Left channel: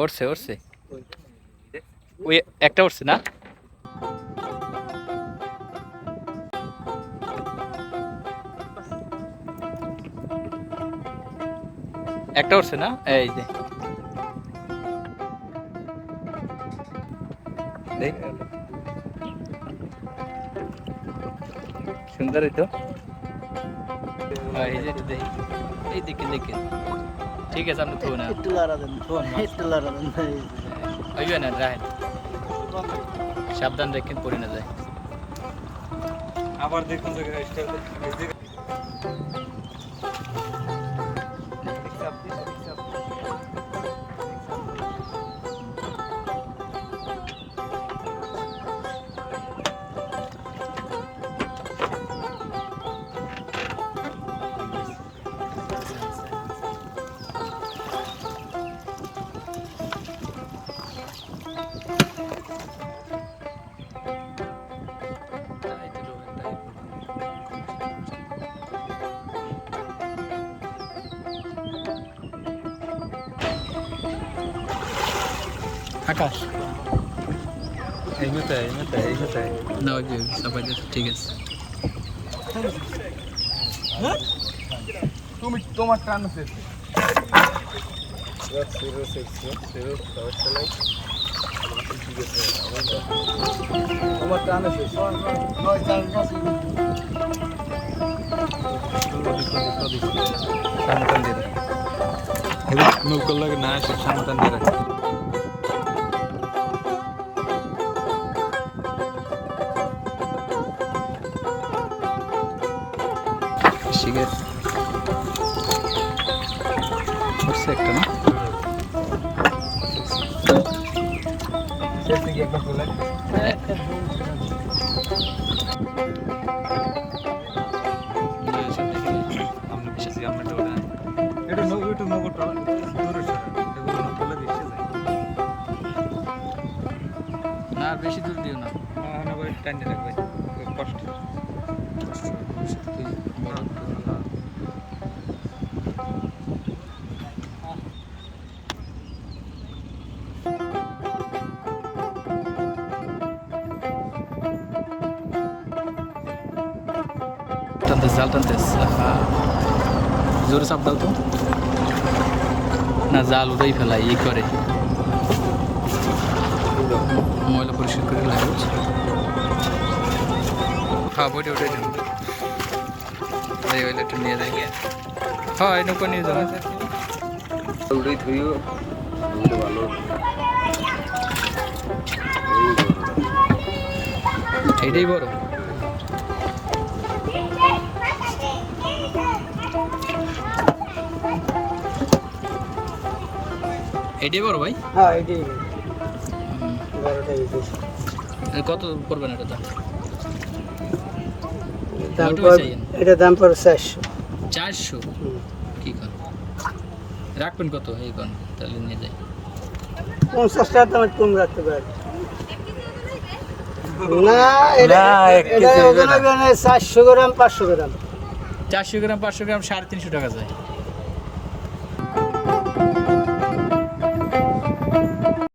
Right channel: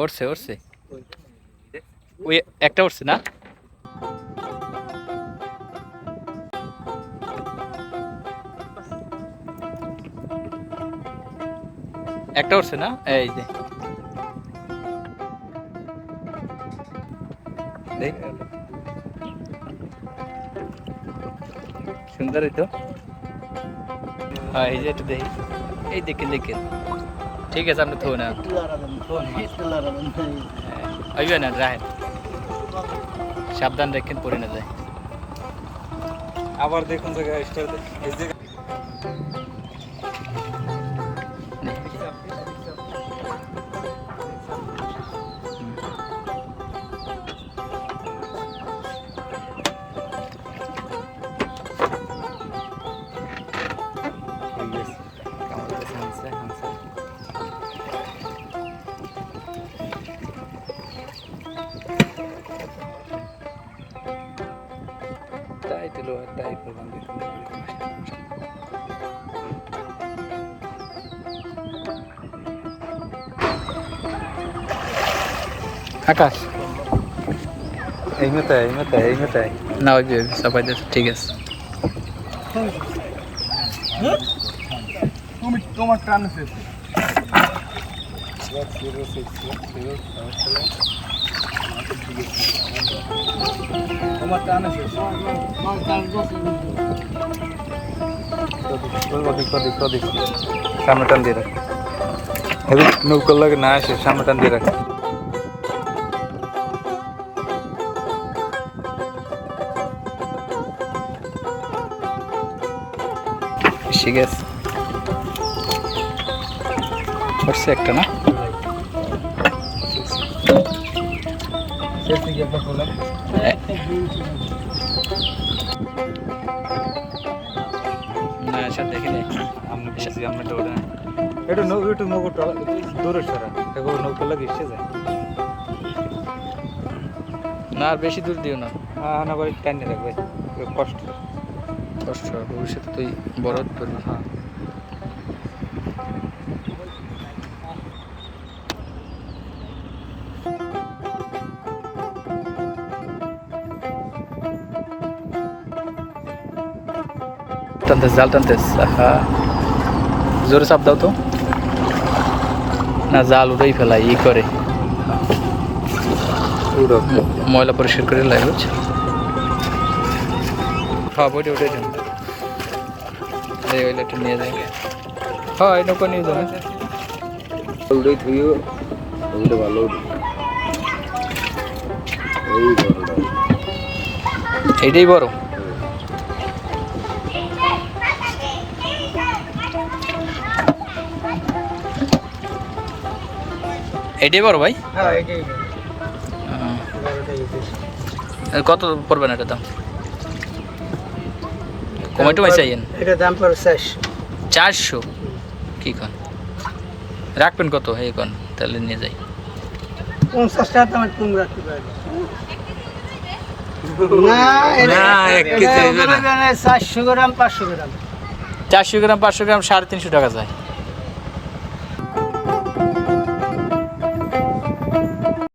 উঠছে উঠছে ওই একটা উঠছে না একটা উঠছে না এই যে দেখ। সুন্দর এই তো হ্যাঁ এই যে একটু দেখি এই দেখে দেখে ঠিক আছে আপনি থো না আইবে না, রাহেন। সাবধান রাখেন পড়ে না যায়। আবার দেখুন আকাশ। এই মতো এই মতো এই মতো না ওই দিয়েছে ঠিক আছে। তুমি তোমার টান আছে তোমার টান সামনে টান দিয়ে রাখ। নৌকার লাগে না আসে সামনে টান দিয়ে রাখ। ঠিক আছে হচ্ছে একটা না? না বেশি ওটা এটা নৌ এটা নৌকাটা দূরে সরা। এগুলো নৌকা লাগে এসে যায়। না আর বেশি দূর দিও না। হ্যাঁ না বাড়ি টান দিয়ে কষ্ট। কষ্ট হবে ভবিষ্যৎ তুই করে। টানতেস জাল টানতেস আহা, জোরে চাপ দাও তো। না, জাল উড়েই ফেলাই, ই করে। ময়লা পরিষ্কার করে লাগে হ্যাঁ বইটা উঠে যাও এই ওইটা নিয়ে যাই। হ্যাঁ এই নৌকা নিয়ে যাব। জলদি ধুইও ভালো এইটাই বড়। এইটাই বড় ভাই? হ্যাঁ এটাই কত পড়বে না এটা দাম? পাইছে আইয়েন এটা দাম পড়ে চারশো। চারশো? কি কন? রাখবেন কত? এই কন তাহলে নিয়ে যাই। পঞ্চাশ টাকা দাম তুমি রাখতে পারবে। চারশো গ্রাম পাঁচশো গ্রাম সাড়ে তিনশো টাকা যায়।